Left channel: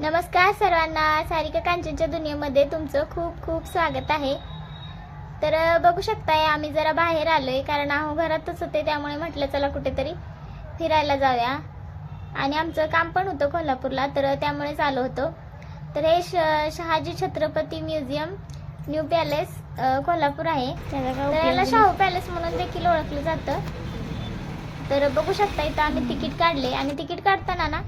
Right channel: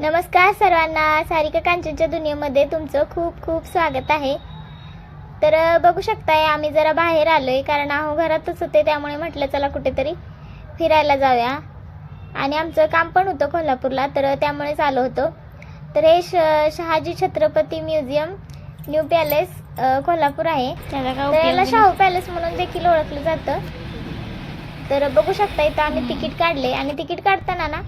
नमस्कार सर्वांना, सारिका कांचनच्या दुनियेमध्ये तुमचं खूप खूप स्वागत आहे। तर बघू शकताय आम्ही जरा बाहेर आलोय, कारण आहो घरातच होते, त्यामुळे म्हटलं चला कुठेतरी फिरायला जाऊया। आणि आमचं काम पण होतं कोल्हापूरला, तर त्यामुळेच आलो होतो। तर हे Shahaji Chhatrapati museum new palace Kolhapur आहे। त्याला शाहू पॅलेस म्हणून देखील ओळखलं जातं। तर बघू शकता इथं आम्ही तिकीट काढले, आणि तिकीट काढताना ना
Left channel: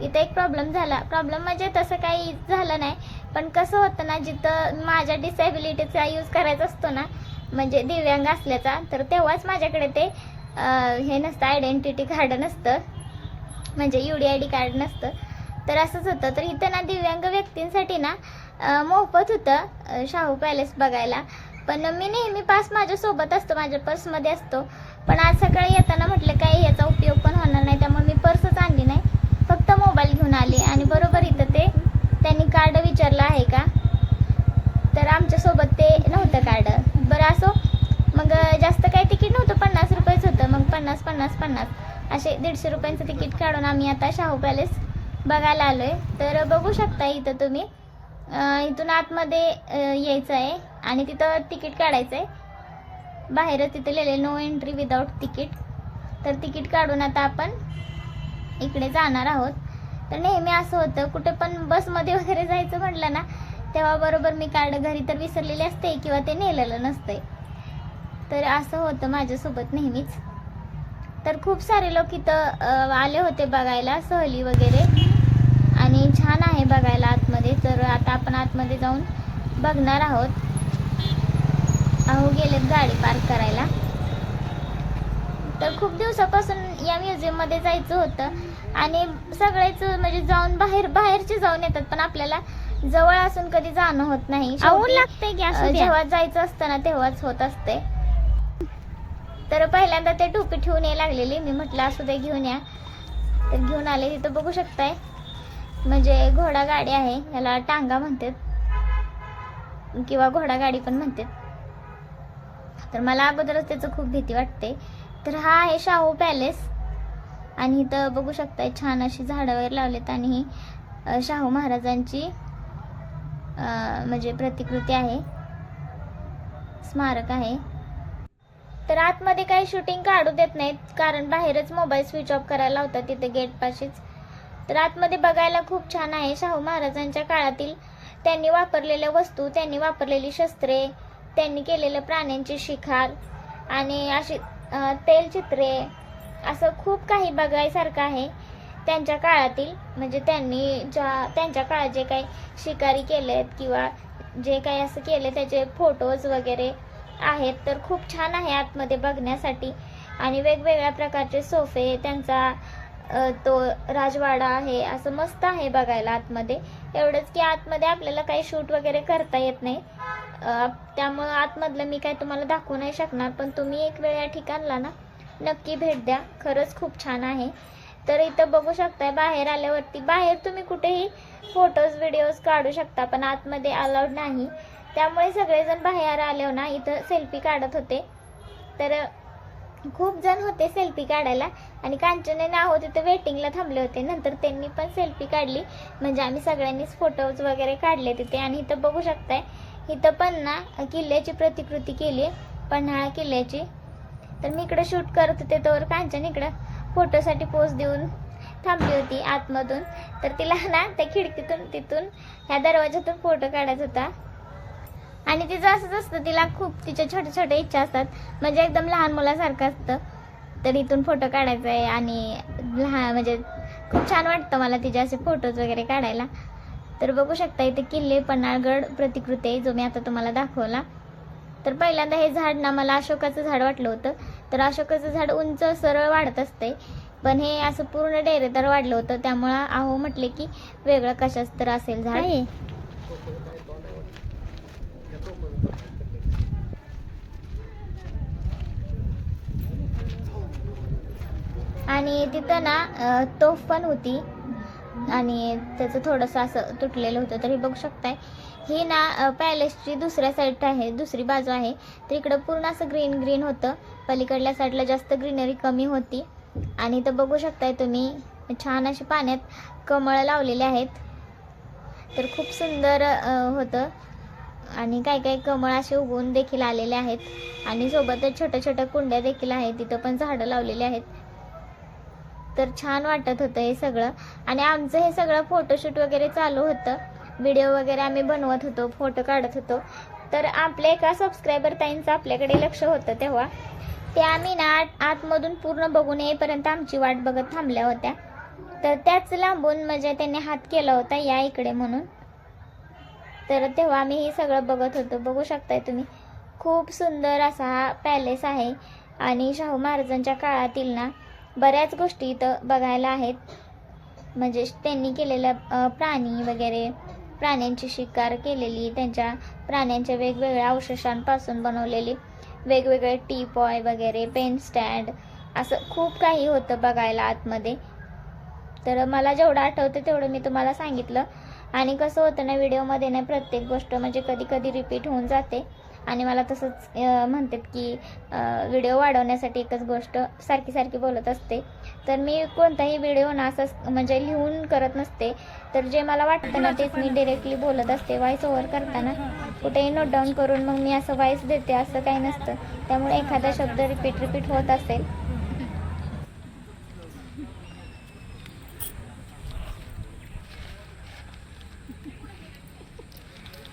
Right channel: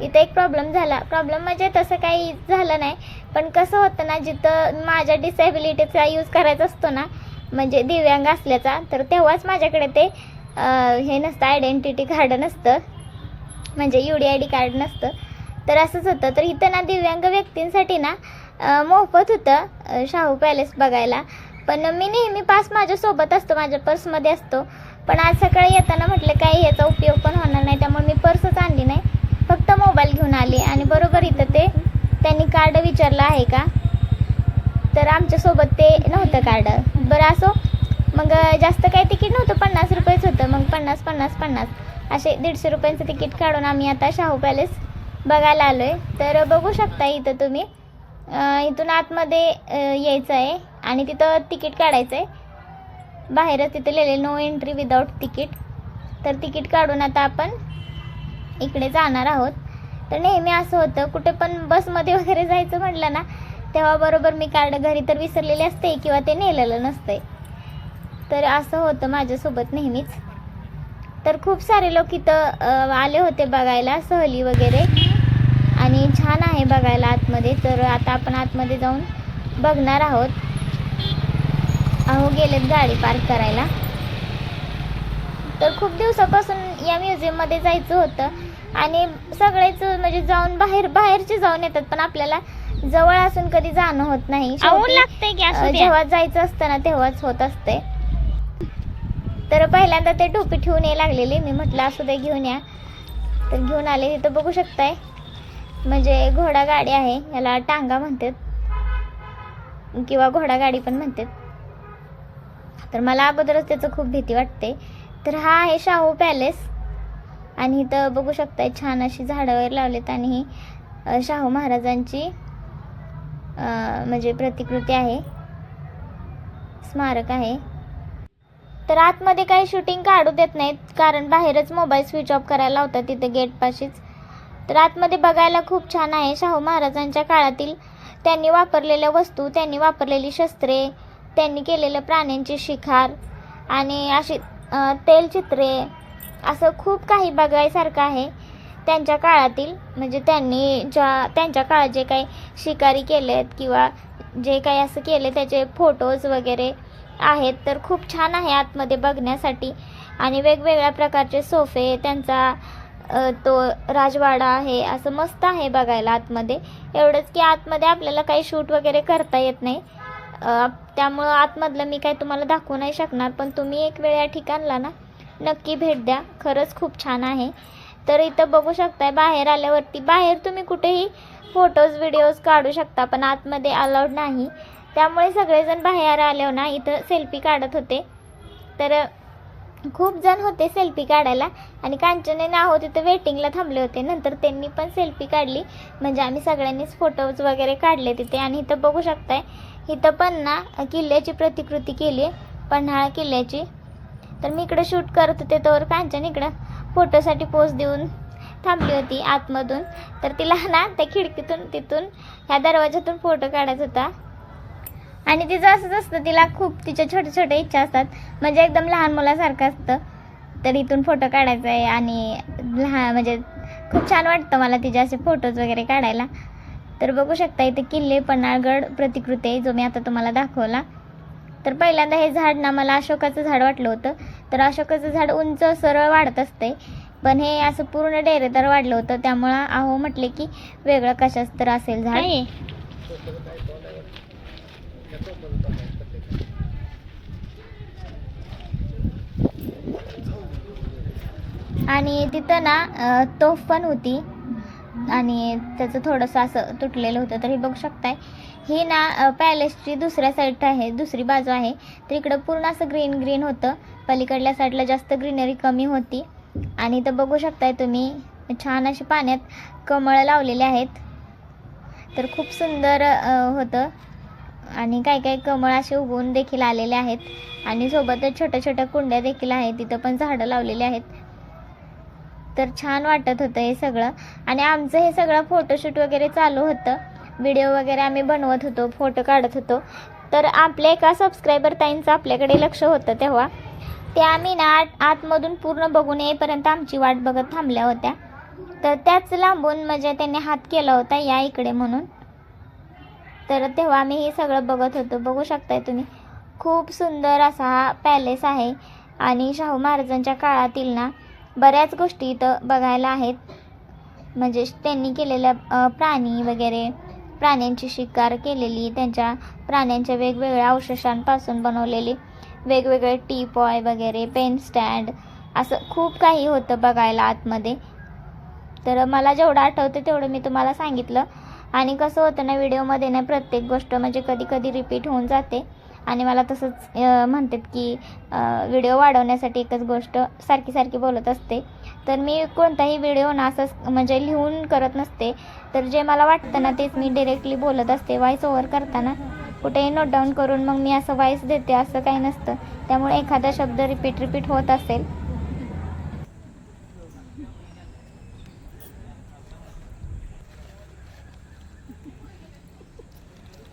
इथे एक प्रॉब्लेम झाला। प्रॉब्लेम म्हणजे तसं काही झालं नाही, पण कसं होतं ना, जिथं माझ्या डिसेबिलिटीचा यूज करायचा असतो ना, म्हणजे दिव्यांग असल्याचा, तर तेव्हाच माझ्याकडे ते हे नसतं, आयडेंटिटी कार्ड नसतं, म्हणजे UDID कार्ड नसतं। तर असंच होतं। तर इथं ना दिव्यांग व्यक्तींसाठी ना मोफत होतं शाहू पॅलेस बघायला। पण मी नेहमी पास माझ्यासोबत असतो, माझ्या पर्समध्ये असतो। पण आज सकाळी येताना म्हटलं काही याचा उपयोग पण होणार नाही, त्यामुळे मी पर्सच आणली नाही, फक्त मोबाईल घेऊन आले। आणि बरोबर इथं ते त्यांनी कार्ड विचारलं आहे का, तर आमच्यासोबत ते नव्हतं कार्ड। बरं असो, मग जास्त काही तिकीट नव्हतं, 50 रुपयेच होतं। मग 50 असे 150 रुपयांचं तिकीट काढून आम्ही आता शाहू पॅलेस बघायला आलोय। तर बघू शकता इथं तुम्ही इथून आतमध्ये यायचं आहे, आणि तिथं तिकीट काढायचं आहे। बाहेरच तिथे लिहिलेलं नो एंट्री विदाउट तिकीट। तर तिकीट काढून आता आपण इकडे जाणार आहोत। तर नेहमी असं होतं, कुठे पण बसमध्ये वगैरे जायचं म्हटलं ना, तेव्हा बरोबर मी कार्ड घरी तर विसरलेले असते किंवा ते नेलेलं नसते। तर असं होतं माझ्यासोबत नेहमीच। तर खूप सारे लोक इथं आले होते बघायला, सहली वगैरे, आणि छान आहे बघायला आतमध्ये। तर आता आपण आतमध्ये जाऊन बघणार आहोत। अहो गेलेत गाडी पार्क करायला। तर खूप दिवसापासून या म्युझियममध्ये जायचं होतं, आणि सगळेच म्हणजे जाऊन बाहेरचे जाऊन येतात, पण आपल्याला जवळ असून कधी जाणं होत नाही। जेव्हा जायचं असतं ना तेव्हाच होत असते। तर पहिल्यांदा ते टोपी ठेवून ये लागलेली, मी म्हटलं असू दे घेऊन या, तर घेऊन आले। तिथं बघू शकताय म्हणजे घोडा गाडी आहे, याला टांगा म्हणतात किंवा घोडा गाडी पण म्हणतात। तर मला अगोदरच त्याचं खूप भीती वाटते। तर हा आहे शाहू पॅलेस, आणि इथं बघू शकताय छान अशी झाडं वगैरे लावलेत, आणि ही शाहू महाराजांची म्हणजे प्रतिकृती आहे, स्मारक आहे। तर आतमध्ये काही शूटिंग काढू देत नाहीत, कारण बाहेरच मोबाईल स्विच ऑफ करायला लावतात तिथे गेट पाशीच। तर आतमध्ये बघायला खूप छान आहे। शाहू महाराजांच्या काळातील त्यांनी वापरलेल्या वस्तू, त्यांनी वापरलेली शस्त्रे, त्यांनी केलेलं प्राण्यांची शिकार, आणि अशी तेलचित्रे, असं खूप काही बघायसारखं आहे त्यांच्या काळातील। म्हणजे त्यांनी त्यांच्या काळात जे काही शिकारी केलेत किंवा जे काही असं केले त्याचे फोटोज वगैरे आहेत। तर खूप छान आहे आतमध्ये बघण्यासाठी, आणि वेगवेगळ्या प्रकारचे सोफे, त्यांचा तो राजवाडा आहे, असं मस्त आहे बघायला आतमध्ये। एवढंच की आतमध्ये आपल्याला काही शूट वगैरे करता येत नाही, त्यामुळं आतमधलं मी काही तुम्हाला दाखवू नाही शकणार। पण तुम्ही एक वेळ या ठिकाणला ना नक्की भेट द्या, खरंच खूप छान आहे। तर इथं बघू शकताय बाहेर आल्यावरती, बाहेर तुम्ही कुठेही फोटोज व्हिडिओज काढू शकता, पण आतमध्ये अलाउड नाही। त्यामुळे सगळेजण बाहेर आल्यावर ना इथं सेल्फी काढत होते। तर खूप जण होते सेल्फी काढायला, आणि कांचने नाहो तिथं वेटिंगला थांबले होते। नंतर त्यांनी पण सेल्फी काढली, म्हणजे आम्ही सगळ्यांनीच फोटोज वगैरे काढले तिथे। आणि इथं बघू शकताय इथं पण ना किल्ल्याची प्रतिकृती केली, पन्हाळा किल्ल्याची। तर मी इकडे शूट करत होते, तर कांचन इकडं फोटोसाठी पोज देऊन थांबली होती आतमधून। तर तिला ना त्या खिडकीतून, तिथून ह्या दरवाजातून फोटो काढायचा होता। आणि तिचं असंच असतं, तिला खूप तिच्या छोट्या छोट्या इच्छा असतात, म्हणजे एकदम लहान मुलासारखं असतं। तर इथून फोटो काढायचा आहे, आणि लहान म्हणजे खूप छान वाटतं मला तिचे असे फोटोज वगैरे काढायला। तर बघू शकता इथे किल्ले पन्हाळगड प्रतिकृती आहे, जो मी आता तुम्हाला दाखवला। तर पहिल्यांदा हे झाड ना मला अशोकाचं झाड वाटलं होतं। तर अशोकाचं झाड उंच सरळ वाढत असते, पण हे असं पूर्ण डेरेदार वाढलं होतं, त्यामुळं आहो म्हटले की वेगळं कशाच तर असेल झाड। आणि तिथं ना तोफ पण होती, आणि त्याचं थोडंसं असं तुटलेलं होतं। तर हे बघू शकताय, ही ना पॅलेसची दुसऱ्या साईड आहे, दुसरी बाजू आहे। तर इकडं पूर्ण असं ग्रीन ग्रीन होतं, पलीकडल्या साईडला जास्त ग्रीनरी कमी होती। आणि इथं बघू शकताय तुम्ही छान अशी पाण्यात कमळ लावलेले आहेत, तर खूप सुंदर होतं आणि काही काही कमळ असे उगवून देखील आलेले आहेत आणि सोबतच छोट्या छोट्या कुंड्या देखील आहेत, तिथं पण झाडं लावलेली आहेत. तर छान वाटत होतं हे सगळं. आणि आमचं हे सगळं फोटोशूट वगैरे चालू होतं, व्हिडिओ वगैरे आम्ही बनवत होतो, फोटो काढत होतो. तर आपल्या एका सबस्क्रायबर ताईंचं आपल्याकडे लक्ष होतं तेव्हा ते आम्ही ना आतमधून पूर्ण बघून येईपर्यंत आमची वाट बघत थांबल्या होत्या. तर त्याच लांबून म्हणजे त्यांनी हात केला होता या इकडे म्हणून. तर तेव्हा आम्ही हे सगळं बघत होतो. बघू शकताय तुम्ही, खूप सुंदर असा हा पॅलेस आहे आणि शाहू महाराजांच्या काळातील ना बऱ्याच गोष्टी इथं बघायला आहेत. म्हणजे त्यांनी केलेल्या प्राणी वगैरे, प्राण्यांची शिकार केलेली, त्यांच्या प्राण्यांच्या वेगवेगळ्या अवशेषांपासून बनवलेली वेगवेगळे टीपॉय वगैरे, पेन स्टँड, असं खूप काही होतं बघायला आतमध्ये. तर मला जेवढं आठवतं तेवढं मी तुम्हाला सांगितलं. आणि कसं होतं ना व्हिडिओमध्ये ना प्रत्येक गोष्ट म्हणजे कधी कधी रिपीट होऊन जाते आणि मला तसंच म्हणतात की व्हिडिओ वाढवण्यासाठी एकच गोष्ट सारखी सारखी बोलत असते. तर मी कोणताही व्हिडिओ ना असं म्हणजे लिहून करत नसते. तर जे मला वाटतं ना तेच मी डिरेक्टली बोलत असते. व्हॉइस ओव्हर करताना कुठेही नोट डाऊन करून मग मी असं व्हॉइस देते असं काही नसतं. त्यामुळे एखादा शब्द रिपीट होत असेल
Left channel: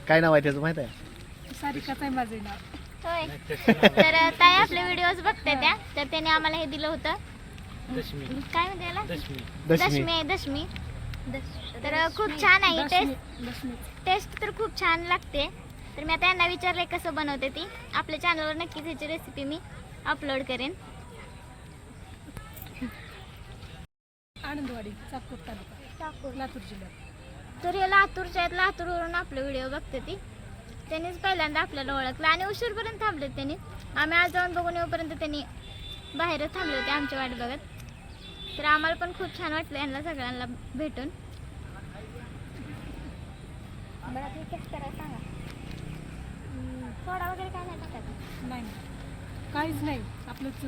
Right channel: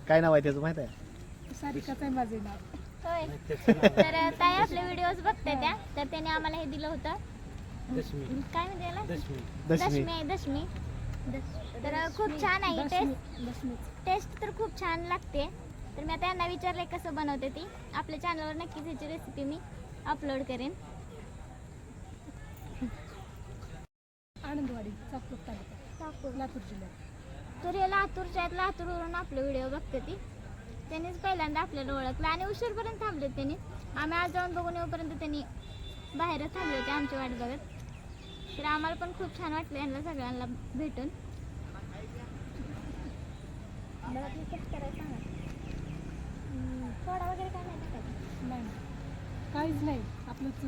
काय नाव आहे त्याचं माहित आहे? सारिकाच आहे माझे नाव. होय. तर ताई आपले व्हिडिओज बघते त्या, तर त्याने आम्हाला हे दिलं होतं. काय म्हणते याला? दशमी. तर खूप छान आहे टेस्ट तर खूप छान लागते. तर मी आता यांना विचारले कसं बनवते ती. आपल्या चॅनलवर नक्कीच ह्याची रेसिपी मी अपलोड करेन. आनंदवाडी, चाकूर तालुका, लातूर जिल्ह्यात. तर या लातूरच्या आहेत, लातूरवरून आपले व्हिडिओ बघते ती. त्यांनीच पहिल्यांदा आपल्याला ओळखलं आणि उशीरपर्यंत थांबले त्यांनी. आम्ही आज जाऊन बघून येऊपर्यंत त्यांनी बाहेरच थांबले होते आमची वाट बघत. तर आम्हाला पण खूप छान वाटलं यांना सगळ्यांना भेटून. सांगा, सोडा वगैरे काय नाही टाकत? नाही, काहीच नाही. आपलंच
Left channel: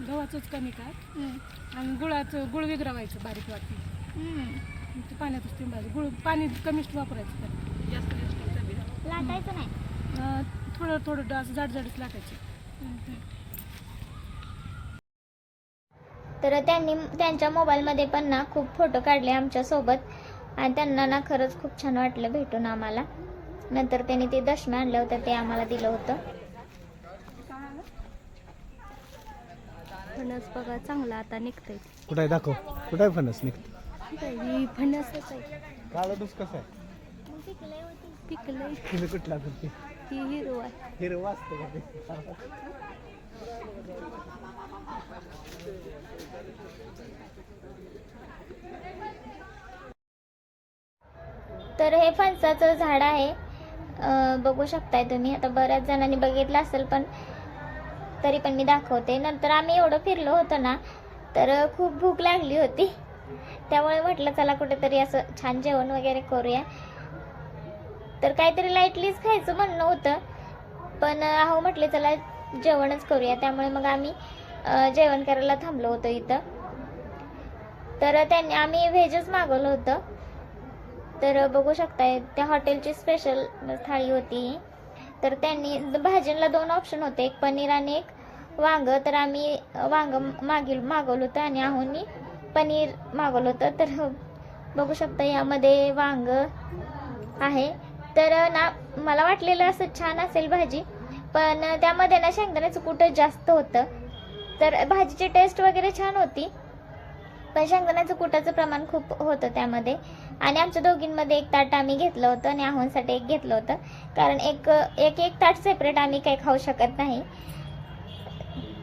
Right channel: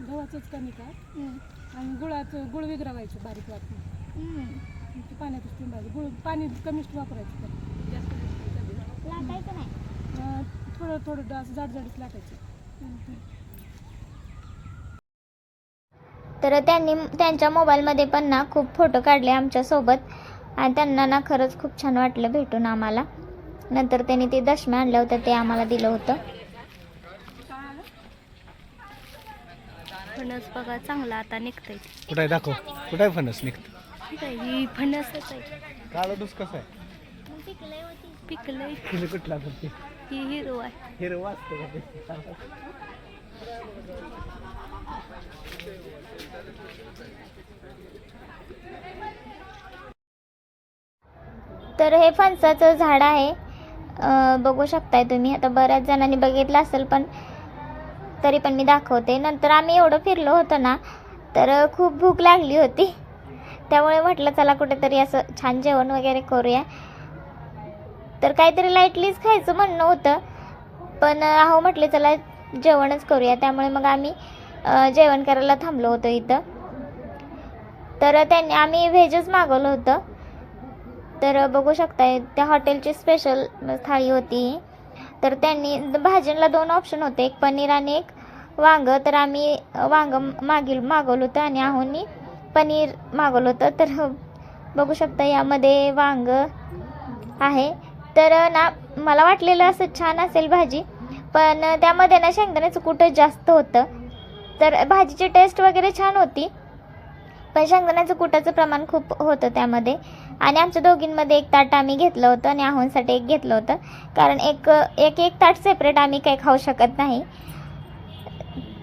गव्हाचंच कमी काय आणि गुळ विगरावायचं बारीक वाटी. ते पाण्यातच तिंबायचं. गुळ पाणी कमीच वापरायचं, त्याला जास्त लाटायचं नाही, थोडं थोडं असं जाडजाडच लाटायचं. तर त्यांनी त्यांच्या मोबाईलमध्ये पण ना खूप फोटो काढले आमच्यासोबत आणि त्यांना ना खरंच खूप छान वाटलं भेटून आम्हाला. नंतर त्यांनी ते दशम्या आणल्या होत्या ते आम्हाला दिलं होतं. फणस बघा चांगला आता निघतंय. कुठे आहे दाखव, कुठे आहे फणस निघत? ही फणसच आहे. काळा डूस कसं आहे? पिकलंय. कुठला कुठे? ही हिरो आहे. हिरव असतं का? तर हे फणसाचं झाड आहे, बघू शकताय तुम्ही. आता बऱ्याच जणांनी बघितलं असेल पण तरी पण मी दाखवते. नंतर आम्ही एवढं फिरलो होतो ना तर खूप भूक लागली होती. त्यामुळे म्हटलं चला कुठेतरी असं छान जेवण वगैरे करूया. तर काहीतरी लाईटलीच खायचं म्हणणं होतं पण अहो म्हटले चला जेवणच करूया. त्यामुळे मग आम्ही जेवण करायला थांबलो होतो इथं. तर आम्ही व्हेजच मागवलं होतं. तर बघू शकताय त्या हॉटेलची स्पेशल थाळी होती. तर त्यांनी भाज्यांना 2 ऑप्शन होते, एक पनीर आणि एक वांग. तर आम्ही वांग मागवलं होतं आणि आहोनी पनीर मागवलं होतं. तर बघू शकता यामध्ये वांग आहे. तर ना मला वाटलेलं असं छान असेल भाजी, पण त्यामध्ये ना शेंगदाण्याचं कुठं जास्त होतं. तर भाजीची टेस्ट वगैरे छान होती पण शेंगदाण्याचं कुटाचं प्रमाण खूप होतं त्यामध्ये. आणि आमच्या दोघींमध्ये एक ताट आम्ही घेतलं होतं आणि आहोंसाठी एक घेतलं होतं, कारण एक ताट सेपरेट आम्ही काही खाऊ शकत नाही.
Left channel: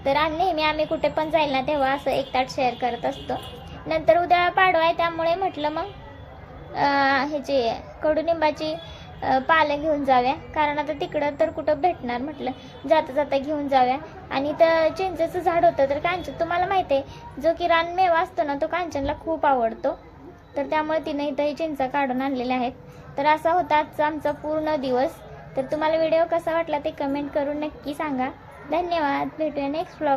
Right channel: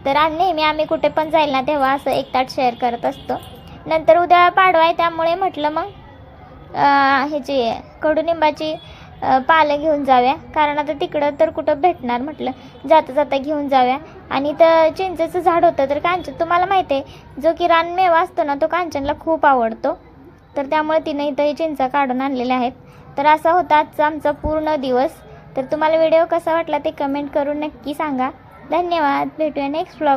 तर नेहमी आम्ही कुठे पण जाईल ना तेव्हा असं एक ताट शेअर करत असतो. नंतर उद्या पाडवा आहे त्यामुळे म्हटलं मग ह्याची कडुनिंबाची पालं घेऊन जाऊया, कारण आता तिकडं तर कुठं भेटणार. म्हटलं जाता जाता घेऊन जाऊया. आणि तर चिंचेचं झाड होतं. तर कांचन तुम्हाला माहिती आहे जो की रानमेवा असतो ना तो कांचनला खूप आवडतो. तर त्यामुळे तिने इथं चिंचा काढून आणलेल्या आहेत. तर असा होता आजचा आमचा पूर्ण दिवस. तर तुम्हाला व्हिडिओ कसा वाटला ते कमेंट करून नक्की सांगा. धन्यवाद. भेटूया नेक्स्ट व्लॉग.